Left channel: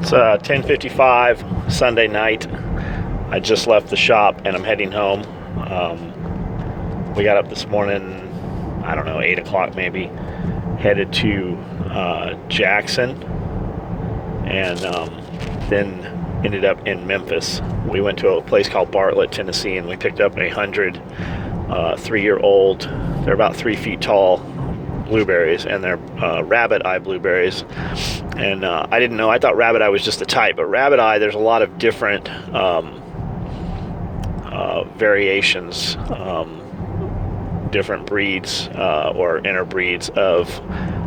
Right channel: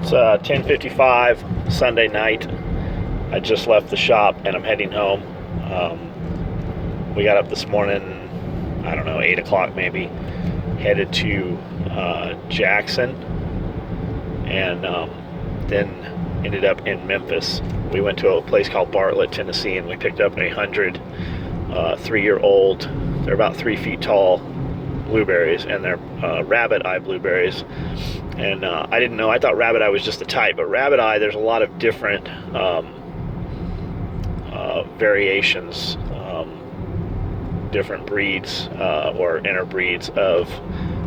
It's 10:55 Sunday night. I just left the shop and I'm heading home. We got up this morning, I don't know, 8 o'clock maybe, headed to Jackson, and then ended up in Memphis. We went to a place called Bartlett, Tennessee, and we picked up 100 3-year-old, they're about 3 feet tall, blueberries, and they're rabbit eye blueberries. And I didn't know, I thought rabbit eye was just a type, but rabbit eye, there's a lot of different variations, different breeds or interbreeds of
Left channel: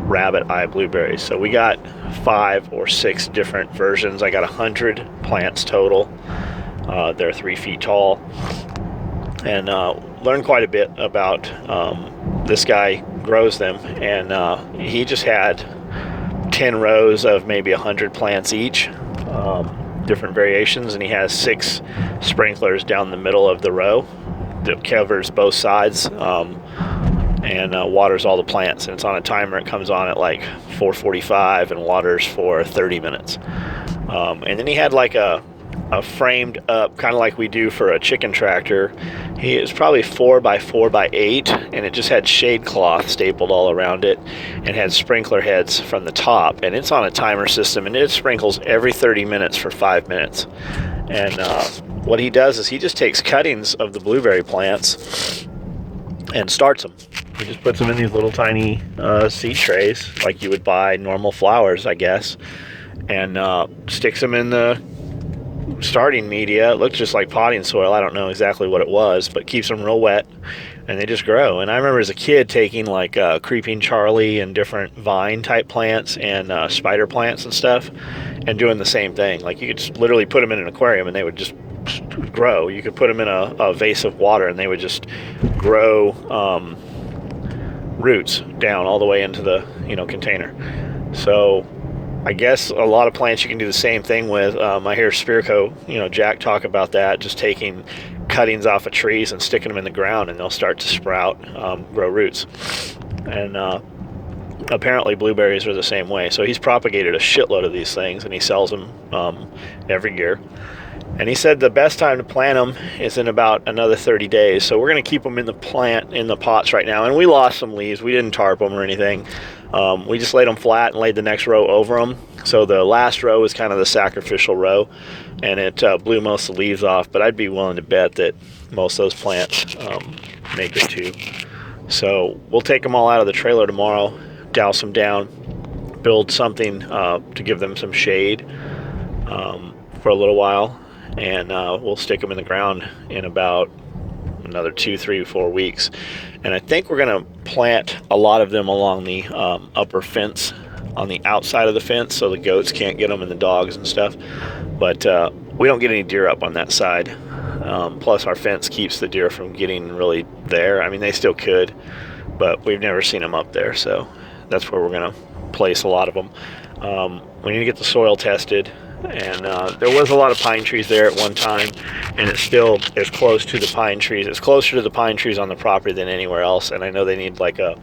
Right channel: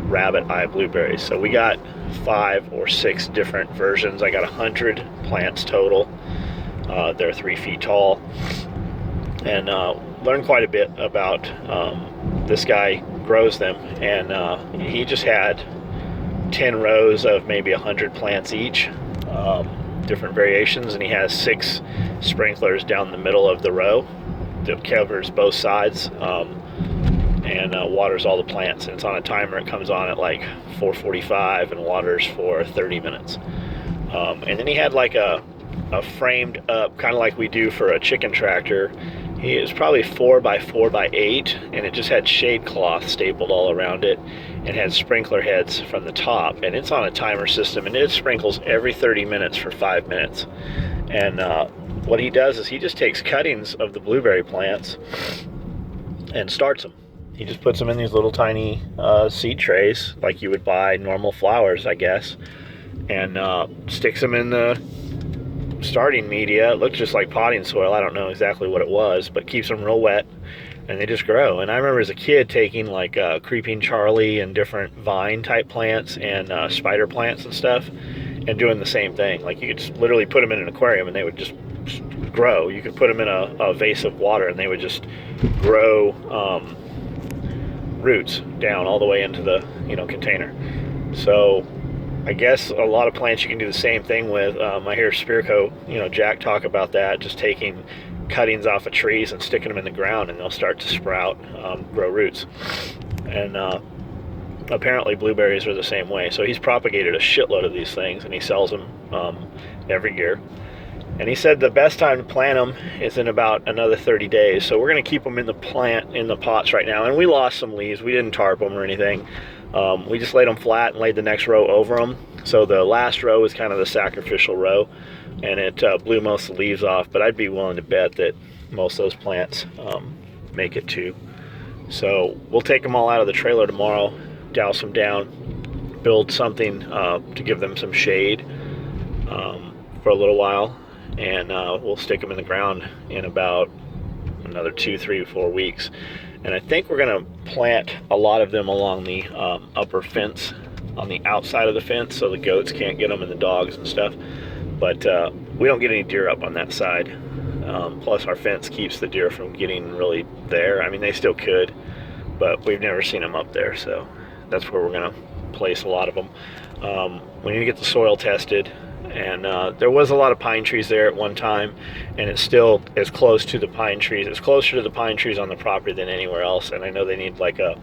rabbit eye blueberries. So we got 5 or 6 different versions. I got 100 plants total. They're 3 feet tall, and learned quite a bit about this guy grows them, and he just had 10 rows of maybe 100 plants each, different variations, and he has 6 sprinklers down the middle of the row that covers both sides, and waters all the plants. And it's on a timer. It comes on at like 4:45 and waters for 30 minutes. And then he had like a framed up, kind of like we do for a chicken tractor. He is probably 4x4x8, and it just had shade cloth stapled all around it, and had sprinkler heads from the top. And it's on a timer system, and it sprinkles every 30 minutes for 5 minutes. And what he does is he just takes cuttings of the blueberry plants and starts them. He just puts them in these little tiny seed trays, like you would buy normal flowers, I guess, and sticks them in the starting media. It looks just like potting soil. I don't know exactly what it was, but keeps them real wet, and they just grow. And I remember as a kid taking like Creeping Charlie and different vine type plants and spider plants and stuff, and doing the same thing. Like you could literally put them in an aquarium and they would just grow. You could put them in a vase of water and they would just grow roots down all the way into the container. So I guess a lot of plants you can do the same thing with. I hear Spirico, Jack talk about that, just taking cuttings off of trees and sticking them in the ground, and they'll start to sprout, grow roots. And apparently blueberries are the same way. So he's propagated a shitload of these things, and he sells them every year. And he said the best time to plant them is in about another 30 days. So we're going to keep them in the pots right now. And we lost some leaves. We didn't tarp them or anything. We just laid them flat and laid the next row over them. So the last row was kind of the sacrificial row, and it blew most of the leaves off. But I'd be willing to bet that most of those plants make it too. So we'll take them all out of the trailer tomorrow, douse them down, build something to give them some shade for a little while, and we'll stick them in the ground in about another 2, 3, 4 weeks. And I think we're going to plant a lot of them along the upper fence, on the outside of the fence, so the goats can't get them and the dogs and stuff. But we don't get any deer up on that side. Plus our fence keeps the deer from getting really there. I mean, they still could, but we've never seen them up there. So that's where we're going to place a lot of them. We need to get the soil tested. And there was a lot of pine trees there at one time, and it still is close to the pine trees. It's closer to the pine trees on the property than anywhere else, and I know they need like an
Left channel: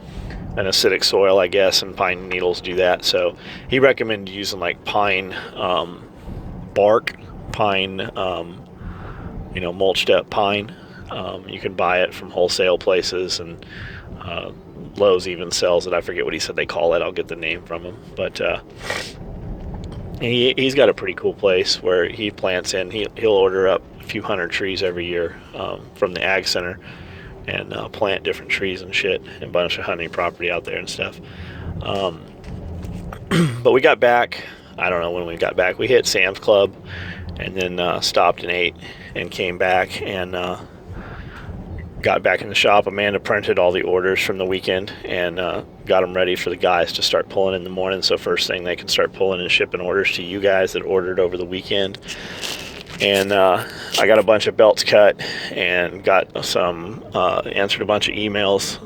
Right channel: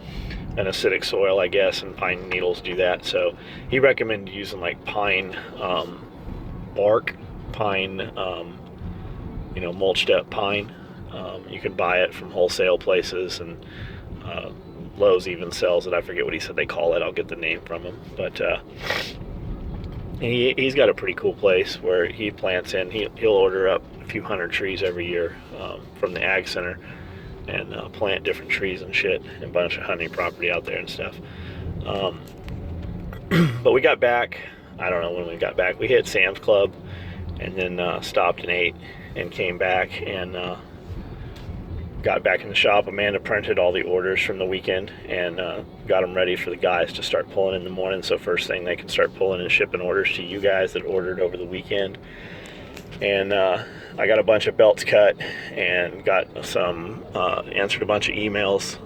acidic soil, I guess, and pine needles do that. So he recommended using like pine bark, pine, mulched up pine. You can buy it from wholesale places, and Lowe's even sells it. I forget what he said they call it. I'll get the name from him, but he's got a pretty cool place where he plants in. He'll order up a few hundred trees every year from the ag center, and plant different trees and shit, and a bunch of hunting property out there and stuff. But we got back, I don't know when we got back. We hit Sam's Club and then stopped and ate and came back and got back in the shop. Amanda printed all the orders from the weekend and got them ready for the guys to start pulling in the morning. So first thing, they can start pulling and shipping orders to you guys that ordered over the weekend. And I got a bunch of belts cut and got some, answered a bunch of emails,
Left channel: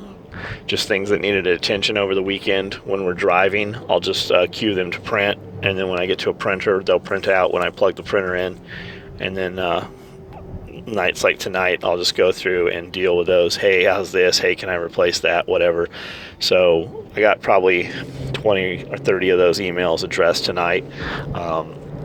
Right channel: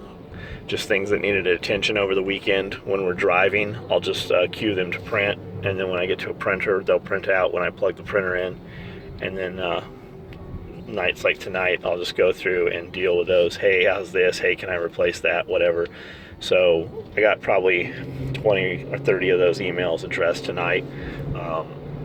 just things that needed attention over the weekend. When we're driving, I'll just cue them to print. And then when I get to a printer, they'll print out when I plug the printer in. And then nights like tonight, I'll just go through and deal with those. Hey, how's this? Hey, can I replace that? Whatever. So I got probably 20 or 30 of those emails addressed tonight.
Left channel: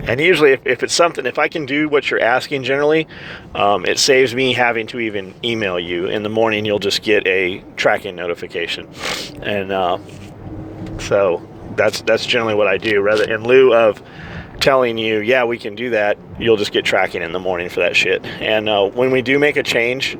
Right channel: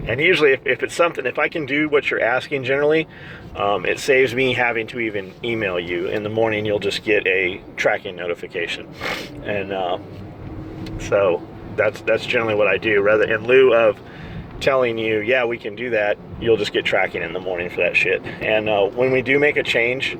And usually if it's something, if I can do what you're asking generally, it saves me having to even email you. In the morning, you'll just get a tracking notification. And so that's generally what I do. Rather, in lieu of telling you, yeah, we can do that, you'll just get tracking in the morning for that shit. And when we do make a change,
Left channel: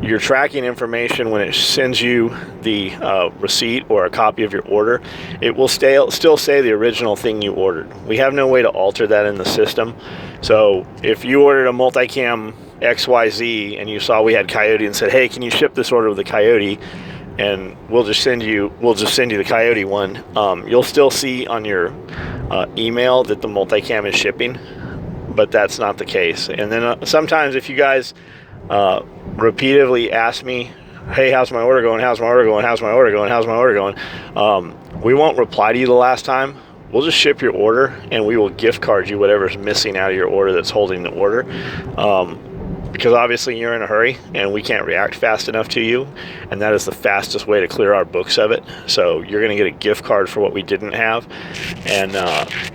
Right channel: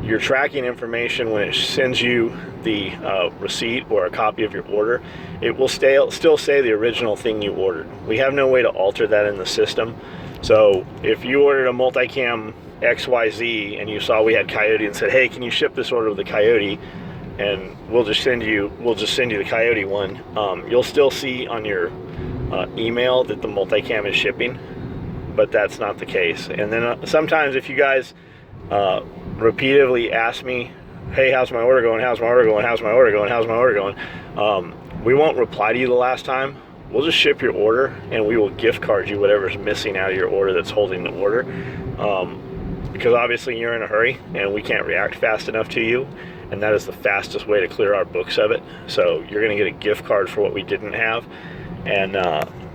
your tracking information, when it sends you the receipt or a copy of your order, it will still say the original thing you ordered. We have no way to alter that in the system. So if you ordered a multicam XYZ and you saw we had Coyote and said, hey, can you ship this order with the Coyote? And we'll just send you the Coyote one. You'll still see on your email that the multicam is shipping, but that's not the case. And then sometimes if you guys repeatedly ask me, hey, how's my order going? How's my order going? How's my order going? How's my order going? We won't reply to you the last time. We'll just ship your order and we will gift card you whatever's missing out of your order that's holding the order. Because obviously you're in a hurry and we can't react fast enough to you, and that is the fastest way to clear our books of it. So you're going to get a gift card for what we didn't have, and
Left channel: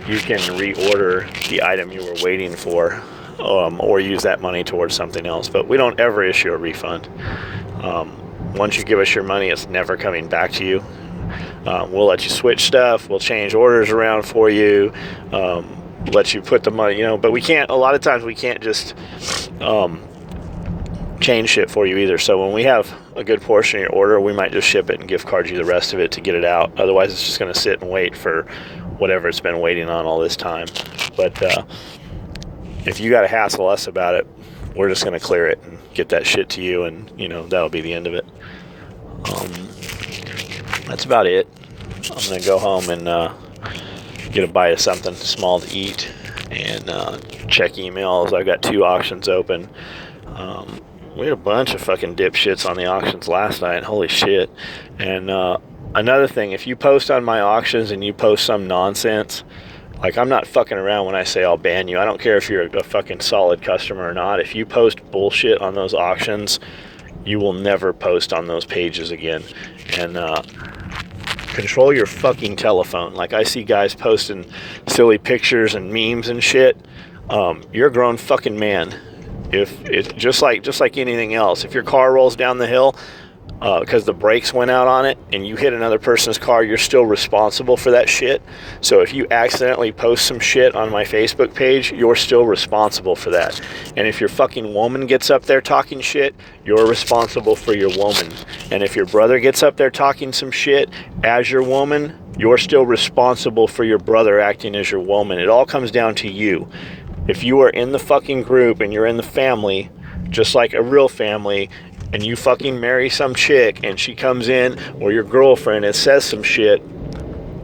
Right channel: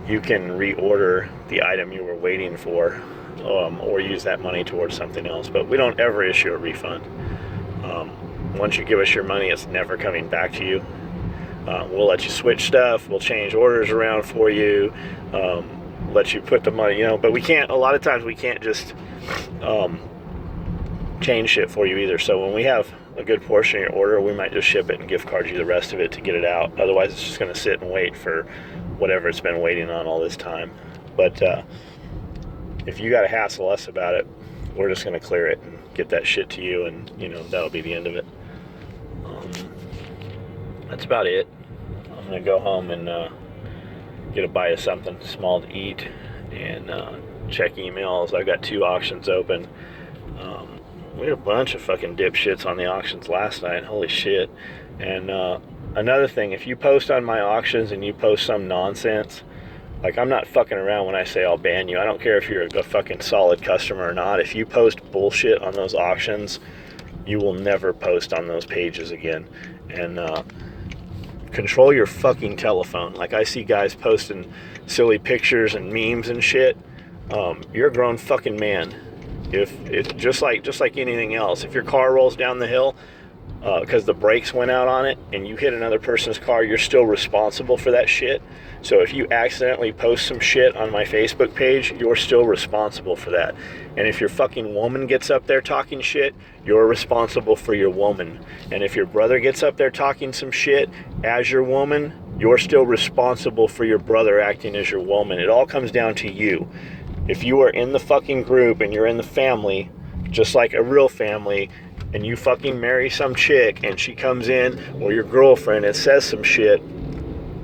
you can reorder the item you were waiting for, or use that money towards something else. But we don't ever issue a refund. Once you give us your money, it's never coming back to you. We'll let you switch stuff, we'll change orders around for you, let you put the money, but we can't, a lot of times we can't just change shit for you either. So when we have a good portion of your order, we might just ship it and gift card you the rest of it to get it out. Otherwise it's just going to sit and wait for whatever it's been waiting on all this time. But if you got to hassle us about it, we're just going to clear it and get that shit to you, and that'll be the end of it. That's about it. I'm going to go home and get a bite of something small to eat and check emails. I've got 2 auctions open. We had a bunch of fucking dipshits on the auctions last night. Holy shit. And another thing, if you post on my auctions and you post some nonsense, like, I'm not fucking around when I say I'll ban you. I don't care if you're a fucking solid customer or not. If you post bullshit on those auctions, you will never post on those pages again. And control your fucking telephone. Like, I see guys posting silly pictures and memes and shit. You're a grown fucking man. If it's just like anything else, if your car rolls down the hill because the brakes went out on it and you hit another person's car, you're still responsible for that shit. So if you accidentally post some shit on my Facebook page, you're still responsible for that. And if your fucking woman gets up there talking shit, you're responsible for your woman. And if your brother gets up there talking some shit as your woman, you're still responsible for your brother acting as your woman. It all comes down to you. If you are in the fucking group and you're in the family, just like a real family, and you fucking marry some chick and she comes in, or your girlfriend, and says some shit,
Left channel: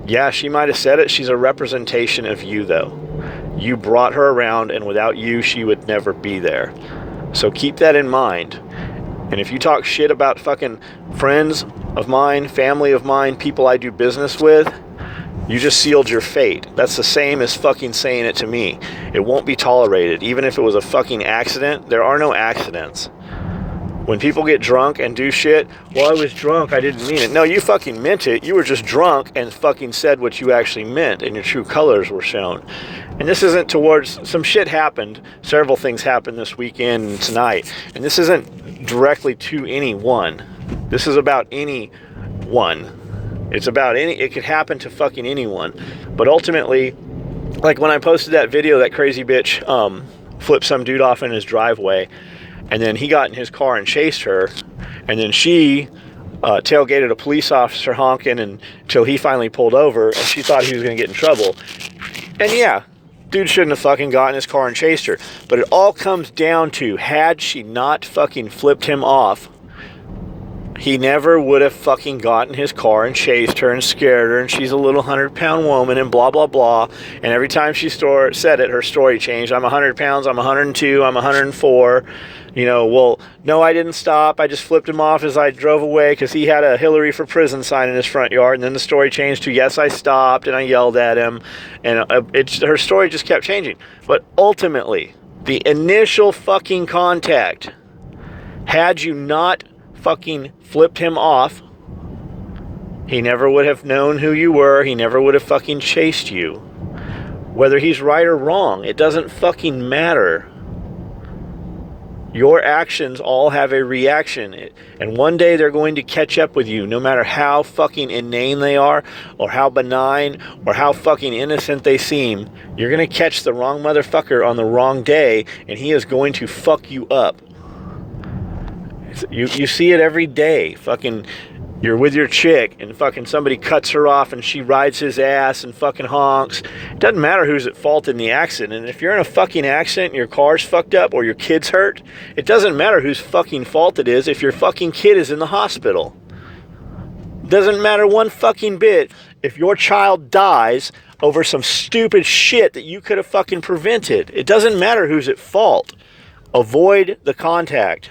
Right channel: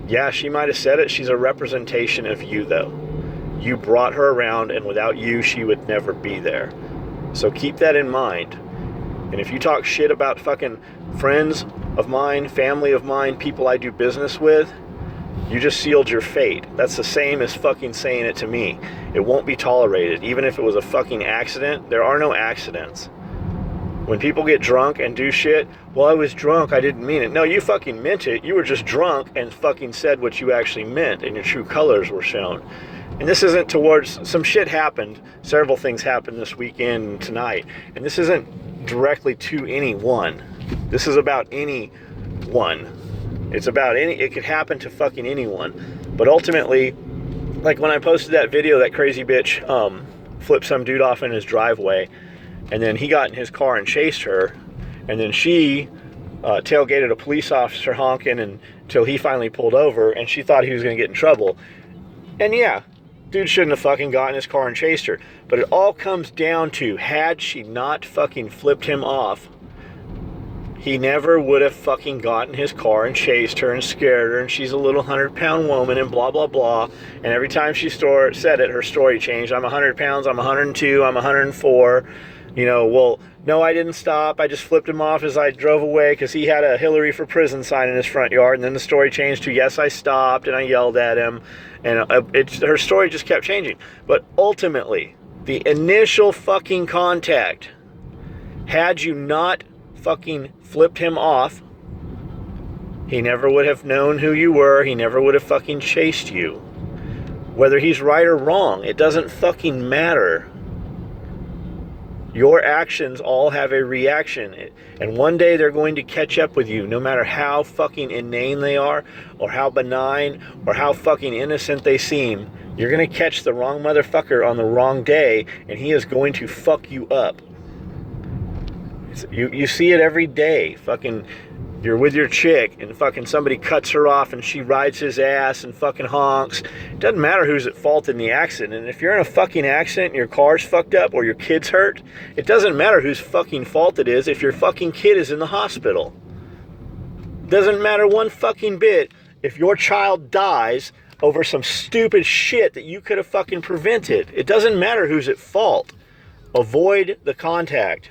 yeah, she might have said it. She's a representation of you, though. You brought her around, and without you, she would never be there. So keep that in mind. And if you talk shit about fucking friends of mine, family of mine, people I do business with, you just sealed your fate. That's the same as fucking saying it to me. It won't be tolerated. Even if it was a fucking accident, there are no accidents. When people get drunk and do shit, well, I was drunk, I didn't mean it. No, you fucking meant it. You were just drunk and fucking said what you actually meant, and your true colors were shown. And this isn't towards, some shit happened. Several things happened this weekend and tonight. And this isn't directly to anyone. This is about anyone. It's about it could happen to fucking anyone. But ultimately, like when I posted that video, that crazy bitch flipped some dude off in his driveway, and then he got in his car and chased her, and then she tailgated a police officer honking until he finally pulled over, and she thought he was going to get in trouble. And yeah, dude shouldn't have fucking got in his car and chased her. But it all comes down to, had she not fucking flipped him off, he never would have fucking gotten his car and chased her and scared her, and she's a little 100-pound woman and blah, blah, blah. And every time she said it, her story changed. I'm 100 pounds, I'm 102, I'm 104. Well, no, I didn't stop. I just flipped him off as I drove away because he had a Hillary for prison sign in his front yard. And then the story changed to, yes, I stopped and I yelled at him. And her story just kept changing. But ultimately, The initial fucking contact. Had you not fucking flipped him off, he never would have known who you were. He never would have fucking chased you. Whether he's right or wrong, it doesn't fucking matter. Your actions all have a reaction, and one day they're going to catch up with you, no matter how fucking inane they are, or how benign, or how fucking innocent they seem. You're going to catch the wrong motherfucker on the wrong day, and he is going to fuck you up. You see it every day. Fucking, you're with your chick, and fucking somebody cuts her off, and she rides his ass and fucking honks. It doesn't matter who's at fault in the accident. And if you're in a fucking accident and your car's fucked up or your kid's hurt, it doesn't matter whose fucking fault it is if your fucking kid is in the hospital. Doesn't matter one fucking bit if your child dies over some stupid shit that you could have fucking prevented. It doesn't matter who's at fault. Avoid the contact.